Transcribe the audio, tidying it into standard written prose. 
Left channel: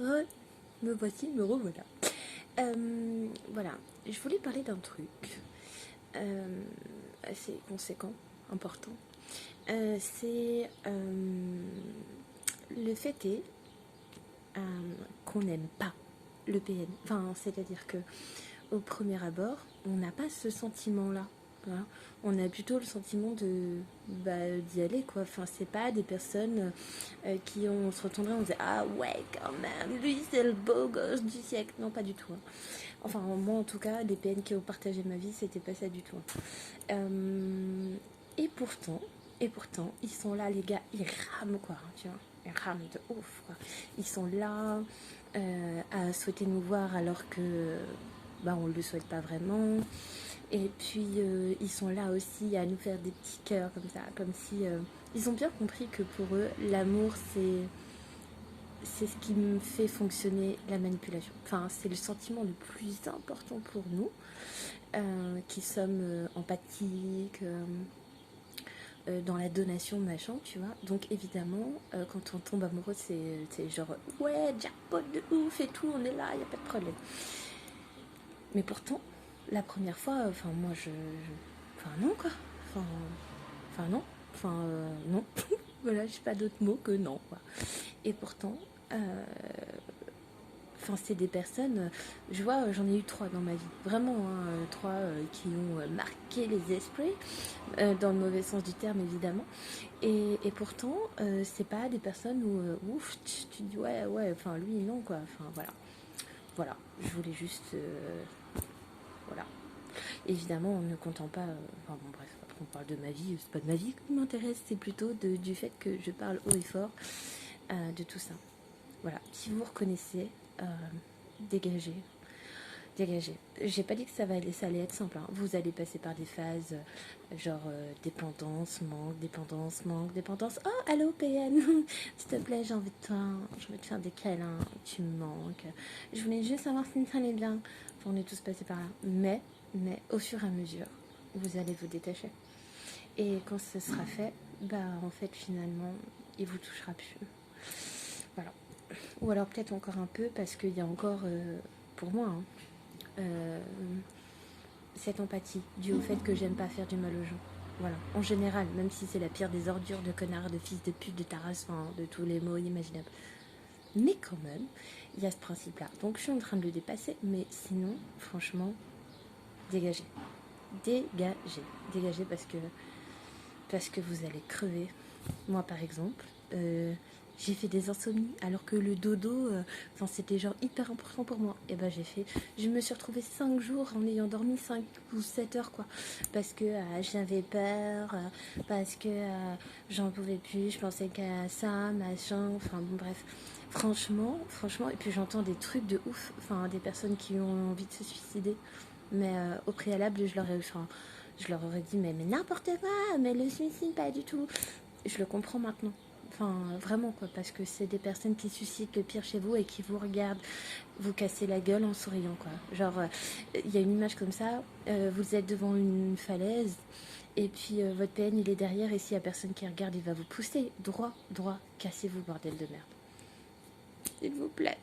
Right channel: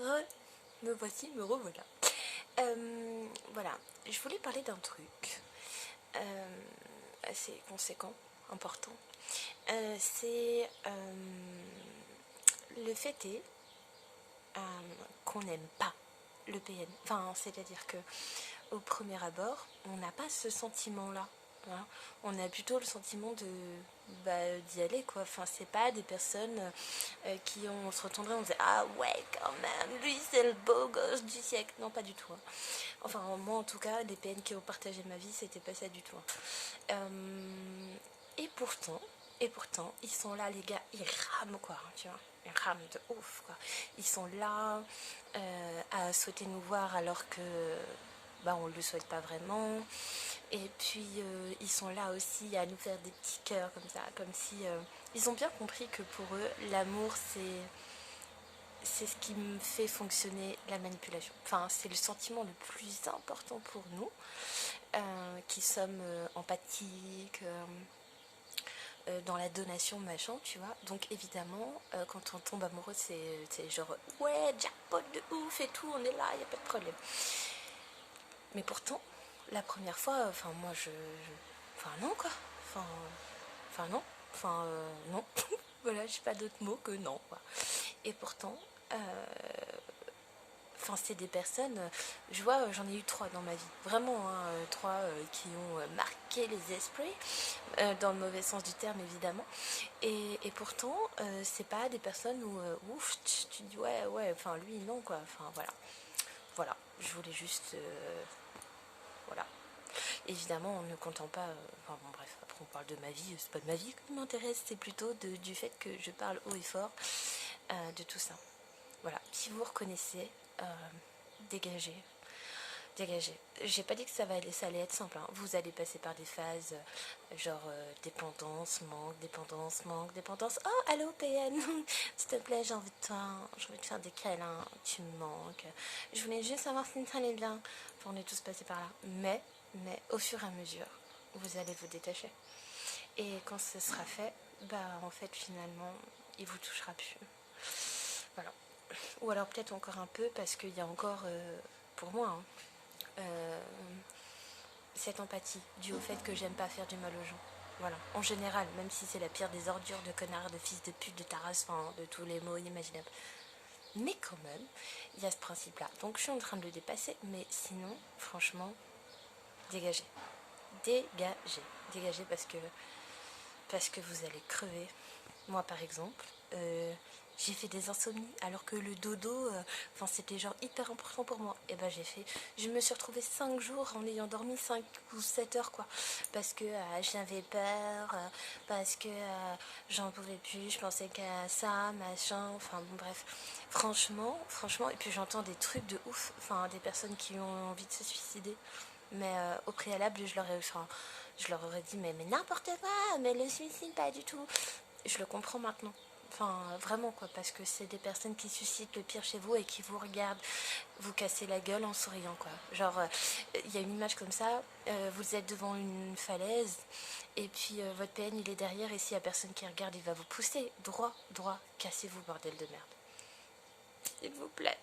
Me voici, me revoilà. Voilà, je voulais parler d'un truc assez conséquent, important. C'est le fait est qu'on n'aime pas le PN. Enfin, c'est-à-dire que au premier abord, on n'a pas ce sentiment-là. Voilà. On a plutôt le sentiment d'y aller, quoi. Enfin, c'est pas des personnes qui on se retournerait, on disait ah ouais quand même, lui c'est le beau gosse du siècle. Non, pas du tout. Hein. Enfin, moi en tout cas, des PN qui ont partagé ma vie, c'était pas ça du tout. Hein. Et pourtant, ils sont là, les gars, ils rament quoi, hein, tu vois. Ils rament de ouf, quoi. Ils sont là à souhaiter nous voir alors que on ne le souhaite pas vraiment. Et puis ils sont là aussi à nous faire des petits cœurs comme ça, comme si ils ont bien compris que pour eux l'amour c'est ce qui me fait fonctionner la manipulation. Enfin, c'est le sentiment le plus important pour nous qui sommes empathiques dans la donation machin, tu vois. Donc évidemment quand on tombe amoureux c'est genre ouais jackpot de ouf et tout, on est là, il n'y a pas de problème. Mais pourtant, la première fois, enfin, moi, enfin, non, quoi. Non. Non. Voilà, je n'ai pas d'autre mot que non, quoi. Et pourtant, c'est des personnes, je vois, j'en ai eu 3 dans ma vie. Vraiment, hein, 3 qui ont marqué les esprits, dans le mauvais sens du terme, évidemment. Et pourtant, c'est pas des personnes où, ouf, tu dis, ouais, enfin, lui, non, quoi. Enfin, voilà. Voilà, je voulais juste... voilà. Évidemment, on ne contente pas... enfin bon, bref, après on parle de ma vie, c'est pas de ma vie qui m'intéresse, c'est plutôt du fait que je parle haut et fort de tout ça. Voilà, si vous reconnaissez, dégagez. Dégagez. J'ai pas dit que ça allait être simple. Hein. Vous allez passer par des phases genre dépendance, manque, dépendance. Oh, allô PN, s'il te plaît, j'ai envie de toi, je veux te faire des câlins, tu me manques. Je voulais juste savoir si ça allait bien. Enfin, on est tous passés par là. Mais au fur et à mesure, vous allez vous détacher. Et quand ce sera fait, en fait, finalement, il vous touchera plus. Voilà. Ou alors peut-être encore un peu parce qu'il y a encore, pour moi, hein, cette empathie due au fait que j'aime pas faire du mal aux gens. Voilà, en général, même si c'est la pire des ordures, de connards, de fils de pute, de taras, enfin, de tous les mots imaginables. Mais quand même, il y a ce principe-là. Donc je suis en train de le dépasser, mais sinon, franchement, dégagez. Dégagez parce que vous allez crever. Moi, par exemple, j'ai fait des insomnies alors que le dodo, c'était genre hyper important pour moi. Et je me suis retrouvée 5 jours en ayant dormi 5 ou 7 heures, quoi. Parce que j'avais peur, parce que j'en pouvais plus, je pensais qu'à ça, machin, enfin bon, bref. Franchement, et puis j'entends des trucs de ouf, enfin des personnes qui ont envie de se suicider. Mais au préalable, je leur aurais dit, mais n'importe quoi, mais le suicide, pas du tout. Je le comprends maintenant. Enfin, vraiment, quoi, parce que c'est des personnes qui suscitent le pire chez vous et qui vous regardent vous casser la gueule en souriant, quoi. Genre, il y a une image comme ça, vous êtes devant une falaise, et puis votre PN, il est derrière, et s'il y a personne qui regarde, il va vous pousser droit, cassez-vous, bordel de merde. S'il vous plaît.